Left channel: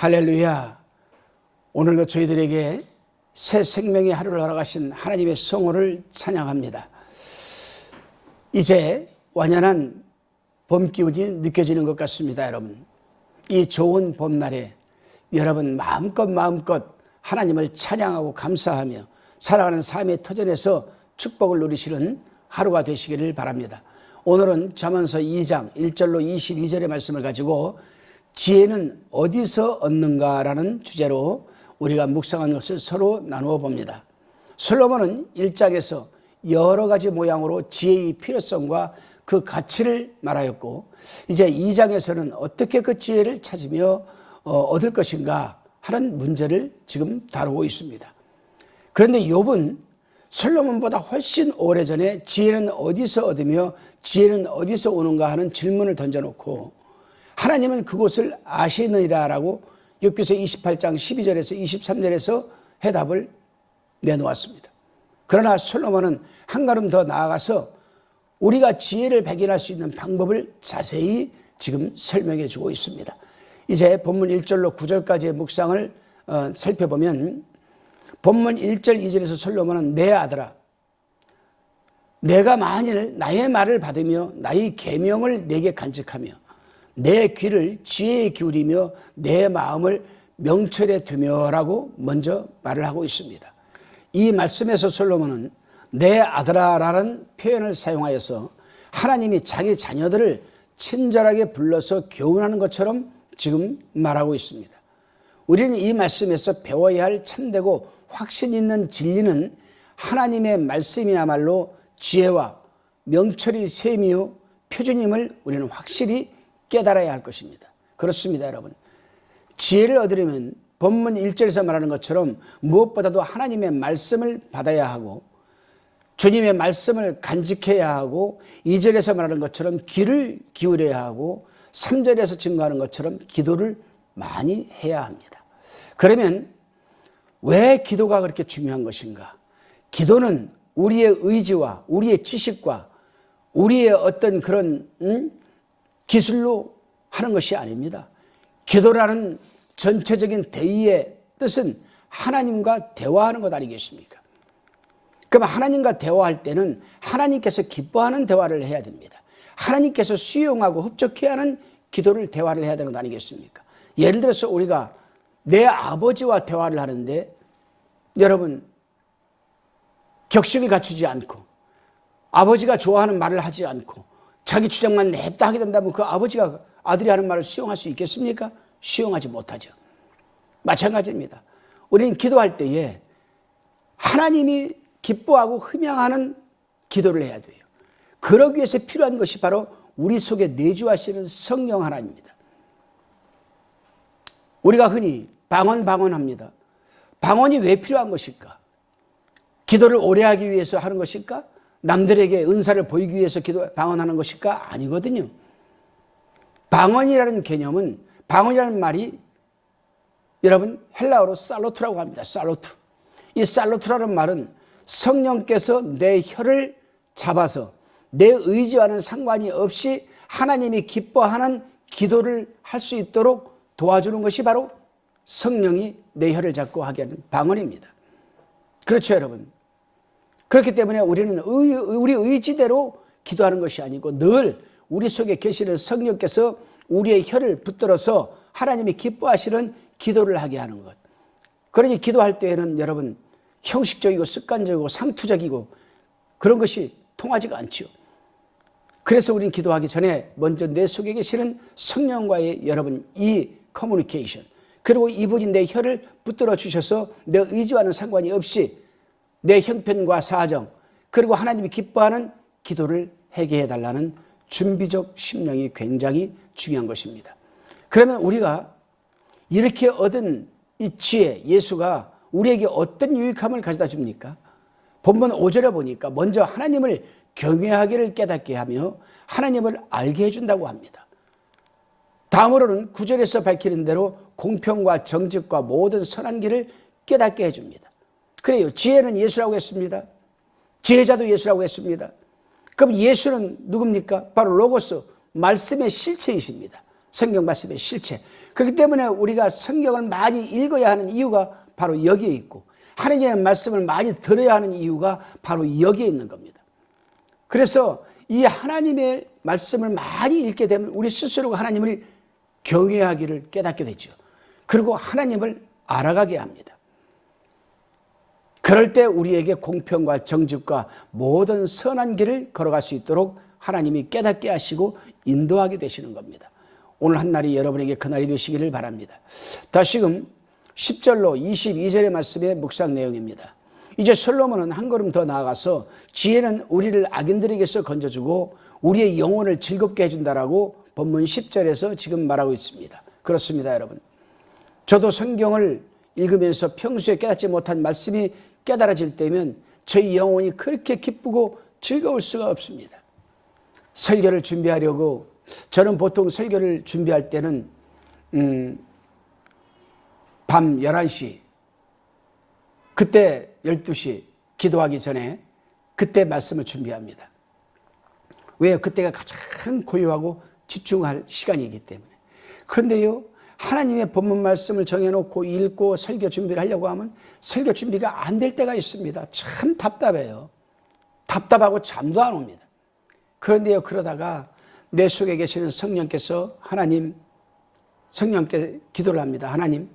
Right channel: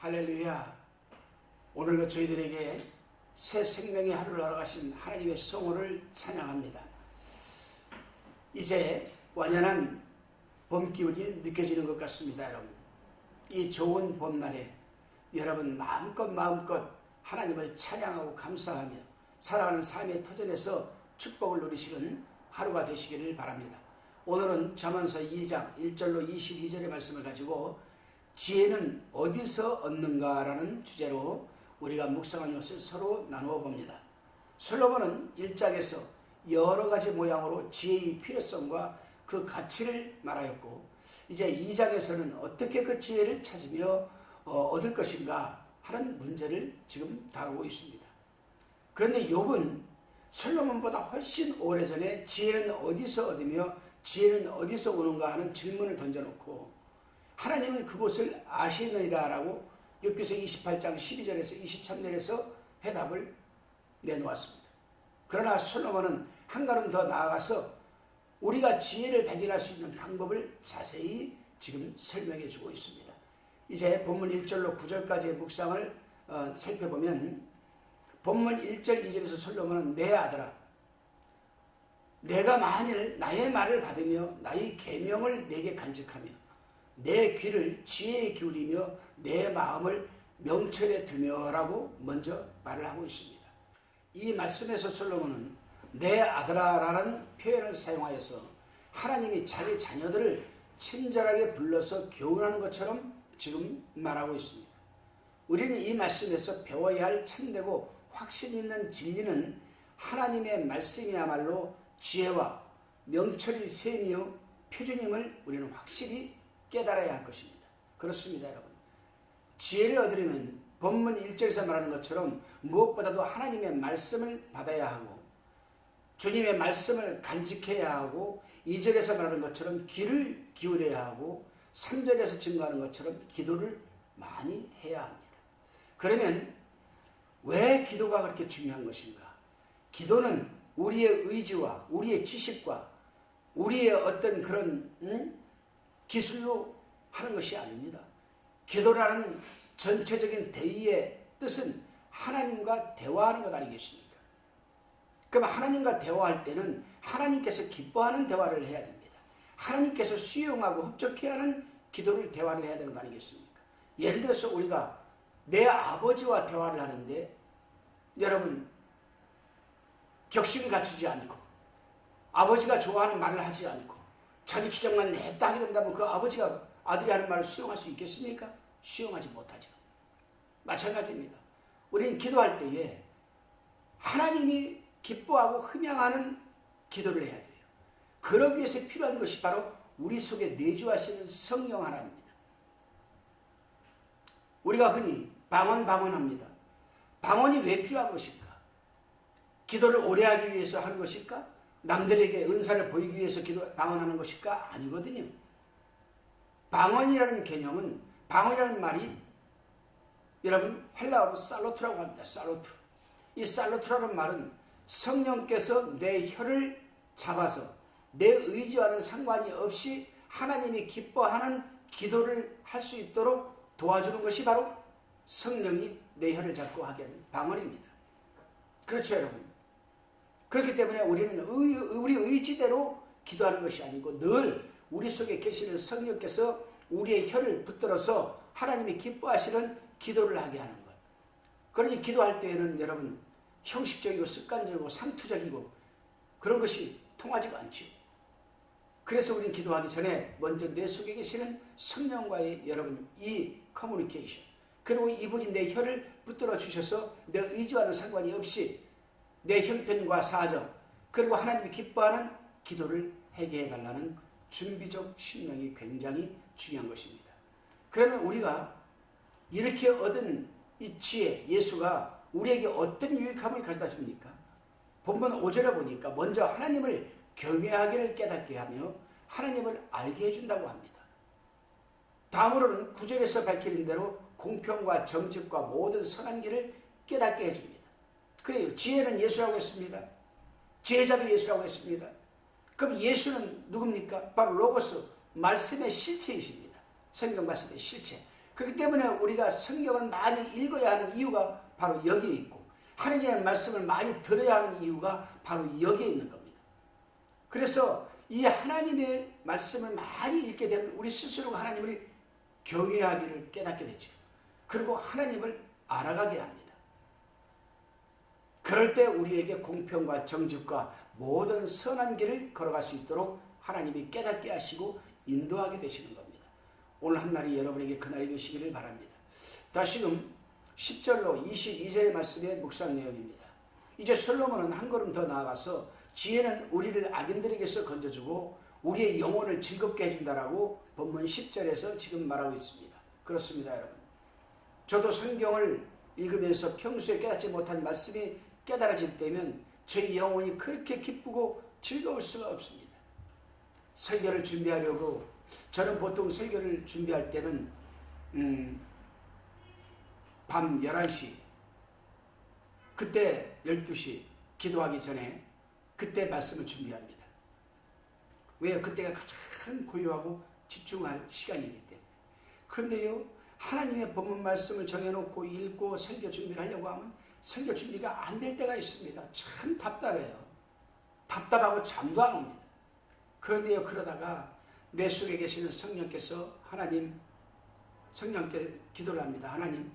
할렐루야. 오늘도 저희들에게 새 생명의 하루를 허락하신 하나님의 성호를 찬양합니다. 이제 완연한 봄 기운이 느껴지는 것 같습니다. 여러분, 이 좋은 봄날에 여러분 마음껏 하나님을 찬양하고 감사하며 살아가는 삶의 터전에서 축복을 누리시는 하루가 되시기를 바랍니다. 오늘은 잠언서 2장 1절로 22절의 말씀을 가지고 지혜는 어디서 얻는가라는 주제로 우리가 묵상한 것을 서로 나누어 봅니다. 솔로몬은 1장에서 여러 가지 모양으로 지혜의 필요성과 그 가치를 말하였고, 이제 2장에서는 어떻게 그 지혜를 찾으며 얻을 것인가 하는 문제를 지금 다루고 있습니다. 그런데 욥은 솔로몬보다 훨씬 오래전에 지혜는 어디서 얻으며 지혜는 어디서 오는가 하는 질문을 던져놓고 하나님은 그곳을 아시느니라라고 욥기서 28장 12절에서 23절에서 해답을 내놓았습니다. 그러나 솔로몬은 한 걸음 더 나아가서 우리가 지혜를 발견할 수 있는 방법을 자세히 지금 설명해 주고 있습니다. 이제 본문 1절로 9절까지의 묵상을 살펴보면 본문 1절 2절에서 솔로몬은 내 아들아, 내가 만일 나의 말을 받으며 나의 계명을 내게 간직하며 내 귀를 지혜에 기울이며 내 마음을 명철에 두며라고 먼저 말을 하고 있습니다. 이 말씀에서 솔로몬은 내 아들아라는 표현을 사용하여서 하나님이 자기 자녀들을 친절하게 불러서 교훈하는 것처럼 지금 말하고 있습니다. 우리는 이 말씀에서 배워야 할 참되고 확신 있는 진리는 하나님의 말씀이야말로 지혜와 명철의 셈이요 표준임을 우리는 확실히 깨달아야 할 것입니다. 그렇습니다, 여러분. 지혜를 얻으려면 본문 1절에서 말하는 것처럼 무엇보다도 하나님의 말씀을 받아야 하고 주님의 말씀을 간직해야 하고 2절에서 말하는 것처럼 귀를 기울여야 하고 3절에서 증거하는 것처럼 기도를 많이 해야 합니다. 그러면 왜 기도가 그렇게 중요한 것인가? 기도는 우리의 의지와 우리의 지식과 우리의 어떤 그런 기술로 하는 것이 아닙니다. 기도라는 전체적인 대의의 뜻은 하나님과 대화하는 것 아니겠습니까? 그럼 하나님과 대화할 때는 하나님께서 기뻐하는 대화를 해야 됩니다. 하나님께서 수용하고 흡족해야 하는 기도를 대화를 해야 되는 것 아니겠습니까? 예를 들어서 우리가 내 아버지와 대화를 하는데 여러분 격식을 갖추지 않고 아버지가 좋아하는 말을 하지 않고 자기 주장만 냅다 하게 된다면 그 아버지가 아들이 하는 말을 수용할 수 있겠습니까? 수용하지 못하죠. 마찬가지입니다. 우리는 기도할 때에 하나님이 기뻐하고 흠양하는 기도를 해야 돼요. 그러기 위해서 필요한 것이 바로 우리 속에 내주하시는 성령 하나님입니다. 우리가 흔히 방언합니다. 방언이 왜 필요한 것일까? 기도를 오래 하기 위해서 하는 것일까? 남들에게 은사를 보이기 위해서 방언하는 것일까? 아니거든요. 방언이라는 개념은, 방언이라는 말이 여러분 헬라어로 살로투라고 합니다. 살로투. 이 살로투라는 말은 성령께서 내 혀를 잡아서 내 의지와는 상관이 없이 하나님이 기뻐하는 기도를 할 수 있도록 도와주는 것이 바로 성령이 내 혀를 잡고 하게 하는 방언입니다. 그렇죠, 여러분? 그렇기 때문에 우리는 우리 의지대로 기도하는 것이 아니고 늘 우리 속에 계시는 성령께서 우리의 혀를 붙들어서 하나님이 기뻐하시는 기도를 하게 하는 것. 그러니 기도할 때에는 여러분 형식적이고 습관적이고 상투적이고 그런 것이 통하지가 않지요. 그래서 우리는 기도하기 전에 먼저 내 속에 계시는 성령과의 여러분 이 커뮤니케이션, 그리고 이분이 내 혀를 붙들어 주셔서 내 의지와는 상관이 없이 내 형편과 사정, 그리고 하나님이 기뻐하는 기도를 하게 해달라는 준비적 심령이 굉장히 중요한 것입니다. 그러면 우리가 이렇게 얻은 이 지혜, 예수가 우리에게 어떤 유익함을 가져다 줍니까? 본문 5절에 보니까 먼저 하나님을 경외하기를 깨닫게 하며 하나님을 알게 해준다고 합니다. 다음으로는 9절에서 밝히는 대로 공평과 정직과 모든 선한 길을 깨닫게 해줍니다. 그래요. 지혜는 예수라고 했습니다. 지혜자도 예수라고 했습니다. 그럼 예수는 누굽니까? 바로 로고스, 말씀의 실체이십니다. 성경 말씀의 실체. 그렇기 때문에 우리가 성경을 많이 읽어야 하는 이유가 바로 여기에 있고, 하나님의 말씀을 많이 들어야 하는 이유가 바로 여기에 있는 겁니다. 그래서 이 하나님의 말씀을 많이 읽게 되면 우리 스스로가 하나님을 경외하기를 깨닫게 되죠. 그리고 하나님을 알아가게 합니다. 그럴 때 우리에게 공평과 정직과 모든 선한 길을 걸어갈 수 있도록 하나님이 깨닫게 하시고 인도하게 되시는 겁니다. 오늘 한 날이 여러분에게 그날이 되시기를 바랍니다. 다시금 10절로 22절의 말씀의 묵상 내용입니다. 이제 솔로몬은 한 걸음 더 나아가서 지혜는 우리를 악인들에게서 건져주고 우리의 영혼을 즐겁게 해준다라고 본문 10절에서 지금 말하고 있습니다. 그렇습니다, 여러분. 저도 성경을 읽으면서 평소에 깨닫지 못한 말씀이 깨달아질 때면 저희 영혼이 그렇게 기쁘고 즐거울 수가 없습니다. 설교를 준비하려고, 저는 보통 설교를 준비할 때는 밤 11시, 그때 12시 기도하기 전에 그때 말씀을 준비합니다. 왜요? 그때가 가장 고요하고 집중할 시간이기 때문에. 그런데요, 하나님의 본문 말씀을 정해놓고 읽고 설교 준비를 하려고 하면 설교 준비가 안 될 때가 있습니다. 참 답답해요. 답답하고 잠도 안 옵니다. 그런데요, 그러다가 내 속에 계시는 성령께서 성령께 기도를 합니다. 하나님,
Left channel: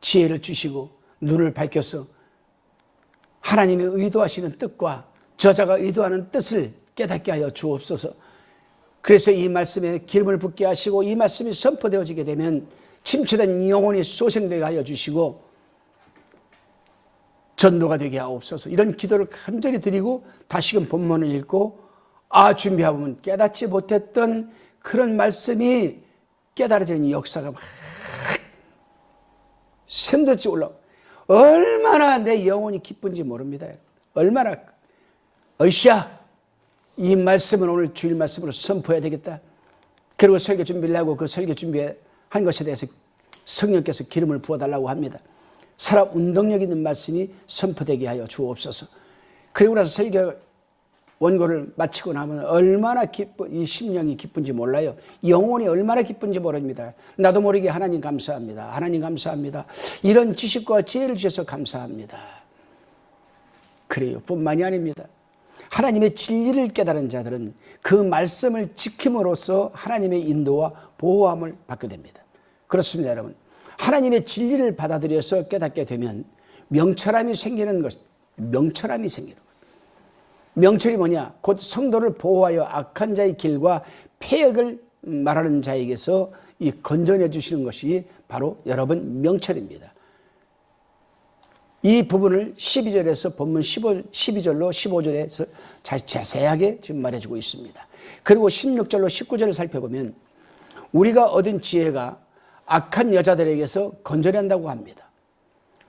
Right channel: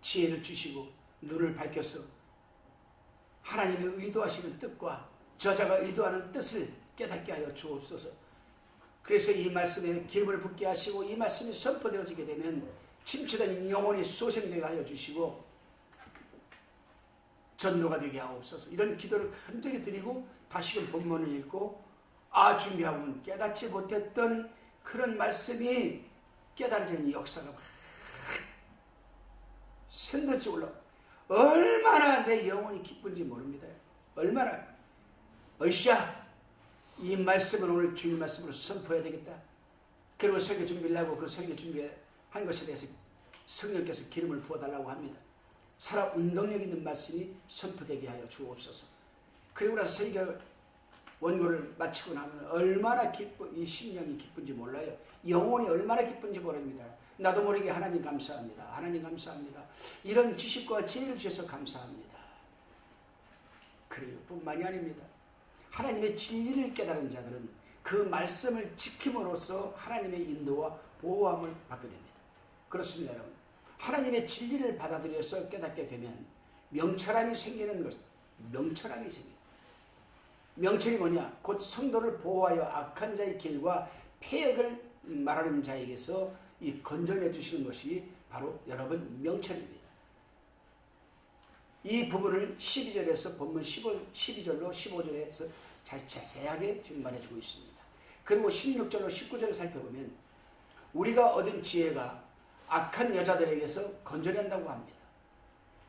지혜를 주시고 눈을 밝혀서 하나님의 의도하시는 뜻과 저자가 의도하는 뜻을 깨닫게 하여 주옵소서. 그래서 이 말씀에 기름을 붓게 하시고 이 말씀이 선포되어지게 되면 침체된 영혼이 소생되게 하여 주시고 전도가 되게 하옵소서. 이런 기도를 간절히 드리고 다시금 본문을 읽고 준비하고 보면 깨닫지 못했던 그런 말씀이 깨달아지는 역사가 막 샘돋이 올라오고, 얼마나 내 영혼이 기쁜지 모릅니다. 얼마나 으쌰, 이 말씀은 오늘 주일 말씀으로 선포해야 되겠다. 그리고 설교 준비를 하고 그 설교 준비한 것에 대해서 성령께서 기름을 부어달라고 합니다. 살아 운동력 있는 말씀이 선포되게 하여 주옵소서. 그리고 나서 설교 원고를 마치고 나면 얼마나 이 심령이 기쁜지 몰라요. 영혼이 얼마나 기쁜지 모릅니다. 나도 모르게 하나님 감사합니다. 하나님 감사합니다. 이런 지식과 지혜를 주셔서 감사합니다. 그래요. 뿐만이 아닙니다. 하나님의 진리를 깨달은 자들은 그 말씀을 지킴으로써 하나님의 인도와 보호함을 받게 됩니다. 그렇습니다, 여러분. 하나님의 진리를 받아들여서 깨닫게 되면 명철함이 생기는 것, 명철함이 생기는 것. 명철이 뭐냐? 곧 성도를 보호하여 악한 자의 길과 폐역을 말하는 자에게서 이 건져내 주시는 것이 바로 여러분 명철입니다. 이 부분을 12절에서 본문 12절로 15절에서 자세하게 지금 말해주고 있습니다. 그리고 16절로 19절을 살펴보면 우리가 얻은 지혜가 악한 여자들에게서 건져낸다고 합니다.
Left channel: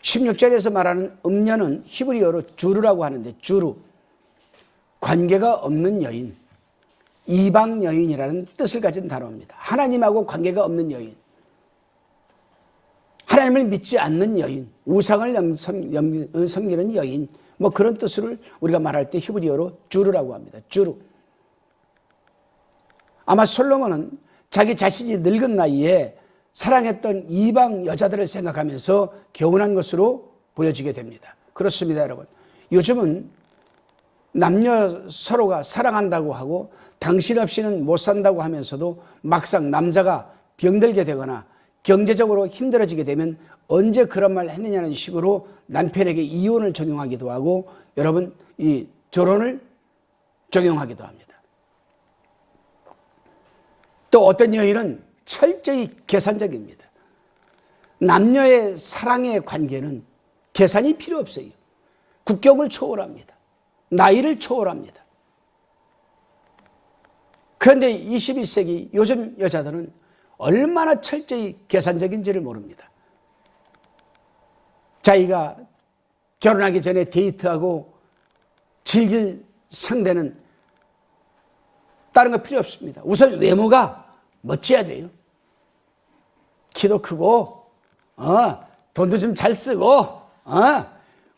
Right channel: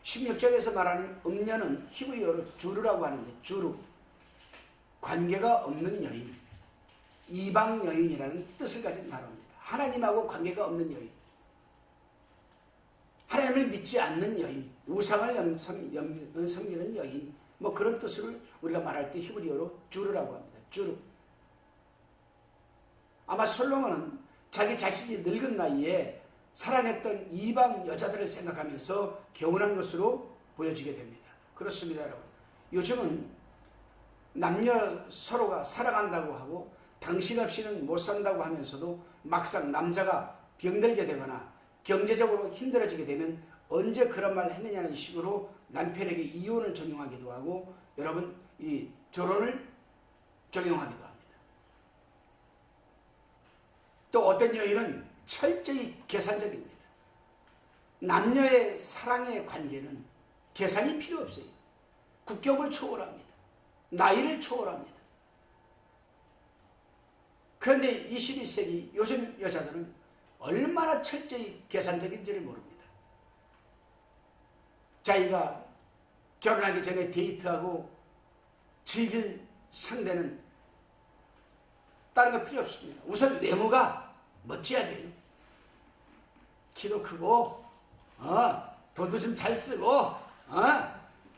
16절에서 말하는 음녀는 히브리어로 주르라고 하는데, 주르, 관계가 없는 여인, 이방 여인이라는 뜻을 가진 단어입니다. 하나님하고 관계가 없는 여인, 하나님을 믿지 않는 여인, 우상을 섬기는 여인, 뭐 그런 뜻을 우리가 말할 때 히브리어로 주르라고 합니다. 주르. 아마 솔로몬은 자기 자신이 늙은 나이에 사랑했던 이방 여자들을 생각하면서 교훈한 것으로 보여지게 됩니다. 그렇습니다, 여러분. 요즘은 남녀 서로가 사랑한다고 하고 당신 없이는 못 산다고 하면서도 막상 남자가 병들게 되거나 경제적으로 힘들어지게 되면 언제 그런 말 했느냐는 식으로 남편에게 이혼을 적용하기도 하고, 여러분, 이 결혼을 적용하기도 합니다. 또 어떤 여인은 철저히 계산적입니다. 남녀의 사랑의 관계는 계산이 필요 없어요. 국경을 초월합니다. 나이를 초월합니다. 그런데 21세기 요즘 여자들은 얼마나 철저히 계산적인지를 모릅니다. 자기가 결혼하기 전에 데이트하고 즐길 상대는 다른 거 필요 없습니다. 우선 외모가 멋져야 돼요. 키도 크고, 돈도 좀 잘 쓰고,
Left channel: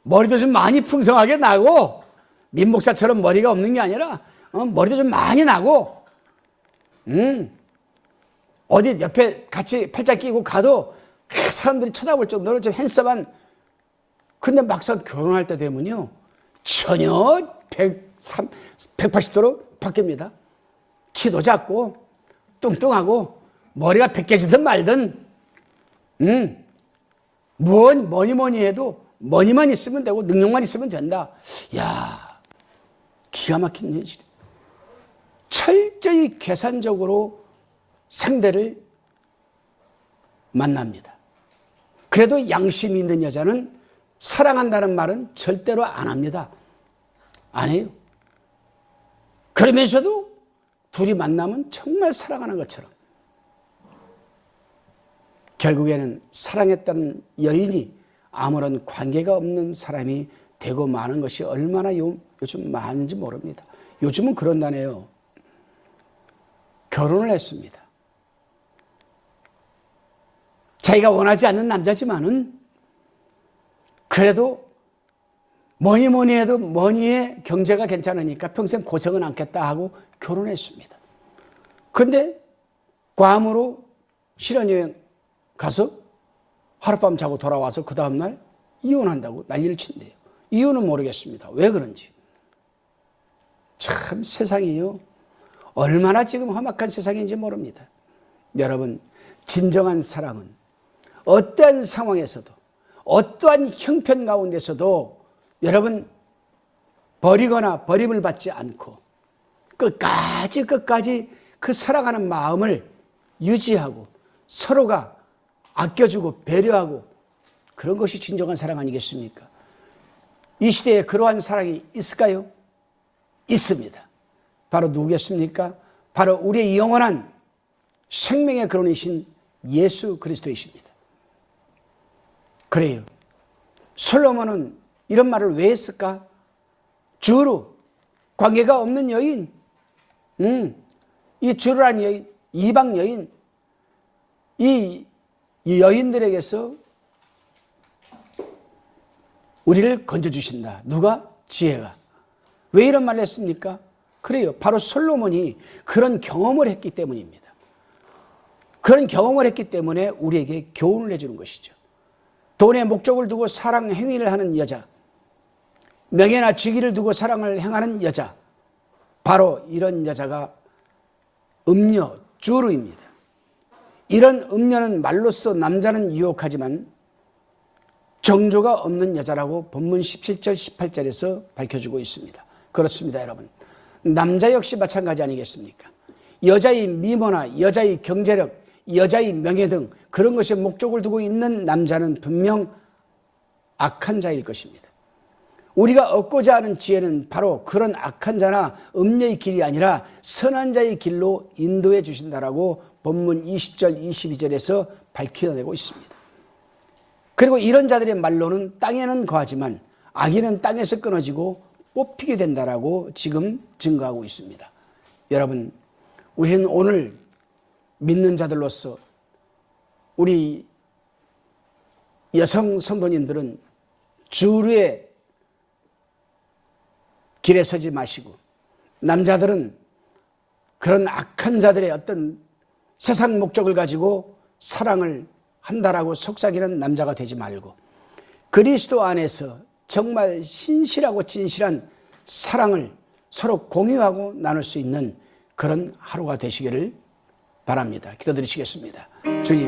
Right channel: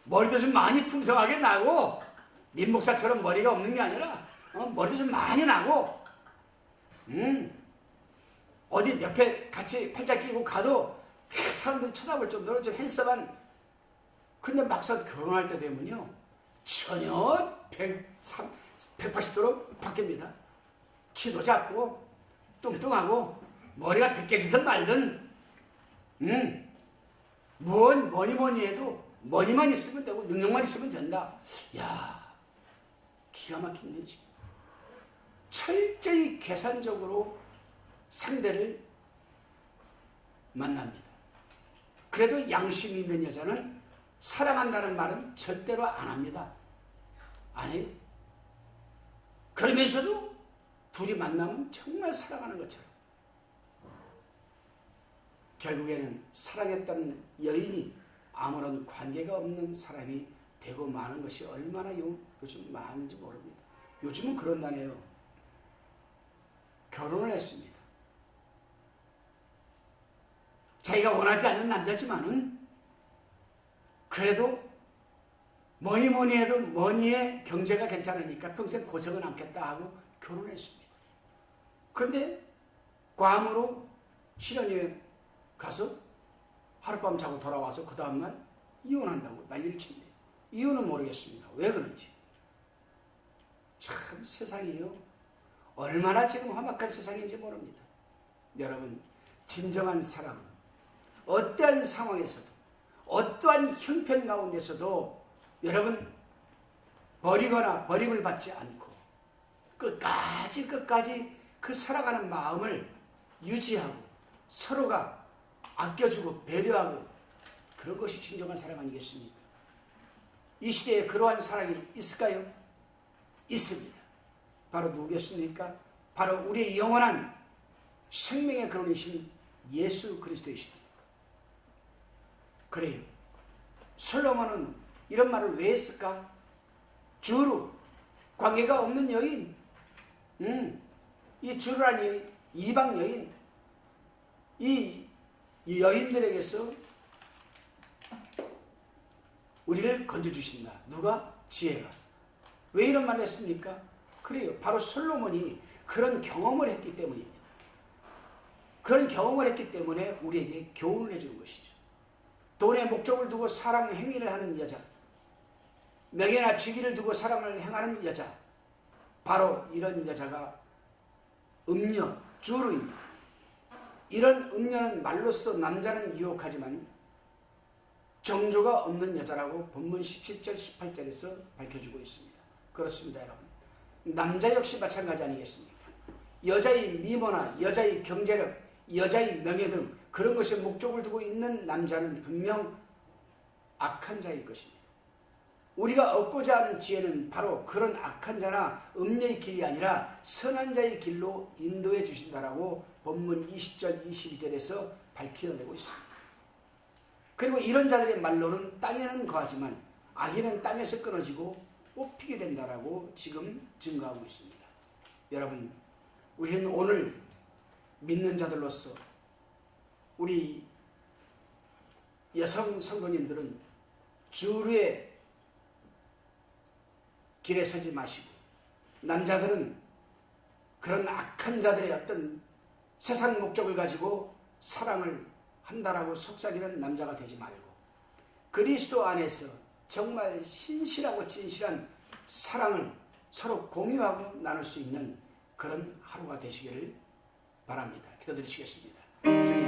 머리도 좀 많이 풍성하게 나고, 민 목사처럼 머리가 없는 게 아니라 머리도 좀 많이 나고, 어디 옆에 같이 팔짱 끼고 가도 사람들이 쳐다볼 정도로 좀 핸섬한. 근데 막상 결혼할 때 되면요, 전혀 180도로 바뀝니다. 키도 작고 뚱뚱하고 머리가 벗겨지든 말든 뭐니 해도 머니만 있으면 되고 능력만 있으면 된다. 야, 기가 막힌 현실. 철저히 계산적으로 상대를 만납니다. 그래도 양심이 있는 여자는 사랑한다는 말은 절대로 안 합니다. 안 해요. 그러면서도 둘이 만나면 정말 사랑하는 것처럼. 결국에는 사랑했다는 여인이 아무런 관계가 없는 사람이 되고 마는 것이 얼마나 요즘 많은지 모릅니다. 요즘은 그런다네요. 결혼을 했습니다. 자기가 원하지 않는 남자지만은 그래도 뭐니 해도 뭐니의 경제가 괜찮으니까 평생 고생은 않겠다 하고 결혼했습니다. 그런데 괌으로 신혼여행 가서 하룻밤 자고 돌아와서 그 다음날 이혼한다고 난리를 친대요. 이유는 모르겠습니다. 왜 그런지. 참 세상이요, 얼마나 지금 험악한 세상인지 모릅니다. 여러분, 진정한 사랑은 어떠한 상황에서도 어떠한 형편 가운데서도 여러분 버리거나 버림을 받지 않고 끝까지 그 사랑하는 마음을 유지하고 서로가 아껴주고 배려하고 그런 것이 진정한 사랑 아니겠습니까? 이 시대에 그러한 사랑이 있을까요? 있습니다. 바로 누구겠습니까? 바로 우리의 영원한 생명의 근원이신 예수 그리스도이십니다. 그래요. 솔로몬은 이런 말을 왜 했을까? 주로 관계가 없는 여인, 이 주로란 여인, 이방 여인, 이 여인들에게서 우리를 건져주신다. 누가? 지혜가. 왜 이런 말을 했습니까? 그래요. 바로 솔로몬이 그런 경험을 했기 때문입니다. 그런 경험을 했기 때문에 우리에게 교훈을 해주는 것이죠. 돈에 목적을 두고 사랑 행위를 하는 여자, 명예나 직위를 두고 사랑을 행하는 여자, 바로 이런 여자가 음녀, 주르입니다. 이런 음녀는 말로써 남자는 유혹하지만 정조가 없는 여자라고 본문 17절, 18절에서 밝혀주고 있습니다. 그렇습니다, 여러분. 남자 역시 마찬가지 아니겠습니까? 여자의 미모나 여자의 경제력, 여자의 명예 등 그런 것에 목적을 두고 있는 남자는 분명 악한 자일 것입니다. 우리가 얻고자 하는 지혜는 바로 그런 악한 자나 음녀의 길이 아니라 선한 자의 길로 인도해 주신다라고 본문 20절, 22절에서 밝혀내고 있습니다. 그리고 이런 자들의 말로는 땅에는 거하지만 악인은 땅에서 끊어지고 뽑히게 된다라고 지금 증거하고 있습니다. 여러분, 우리는 오늘 믿는 자들로서 우리 여성 성도님들은 주류의 길에 서지 마시고, 남자들은 그런 악한 자들의 어떤 세상 목적을 가지고 사랑을 한다라고 속삭이는 남자가 되지 말고 그리스도 안에서 정말 신실하고 진실한 사랑을 서로 공유하고 나눌 수 있는 그런 하루가 되시기를 바랍니다. 기도드리시겠습니다. 주님,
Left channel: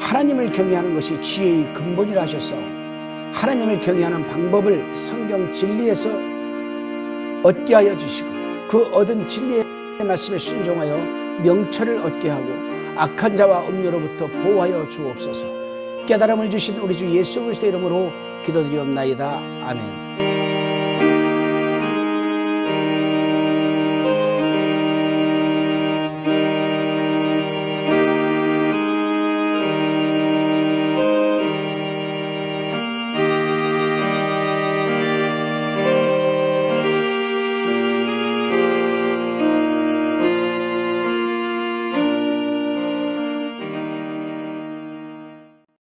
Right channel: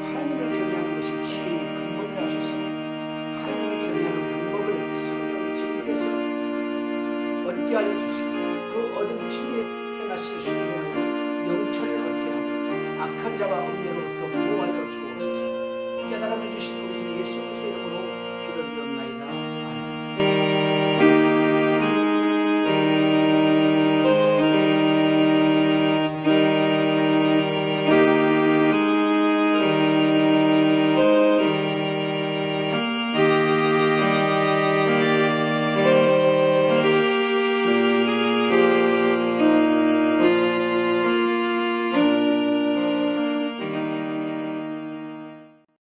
하나님을 경외하는 것이 지혜의 근본이라 하셔서 하나님을 경외하는 방법을 성경 진리에서 얻게 하여 주시고 그 얻은 진리의 말씀에 순종하여 명철을 얻게 하고 악한 자와 음료로부터 보호하여 주옵소서. 깨달음을 주신 우리 주 예수 그리스도의 이름으로 기도드리옵나이다. 아멘.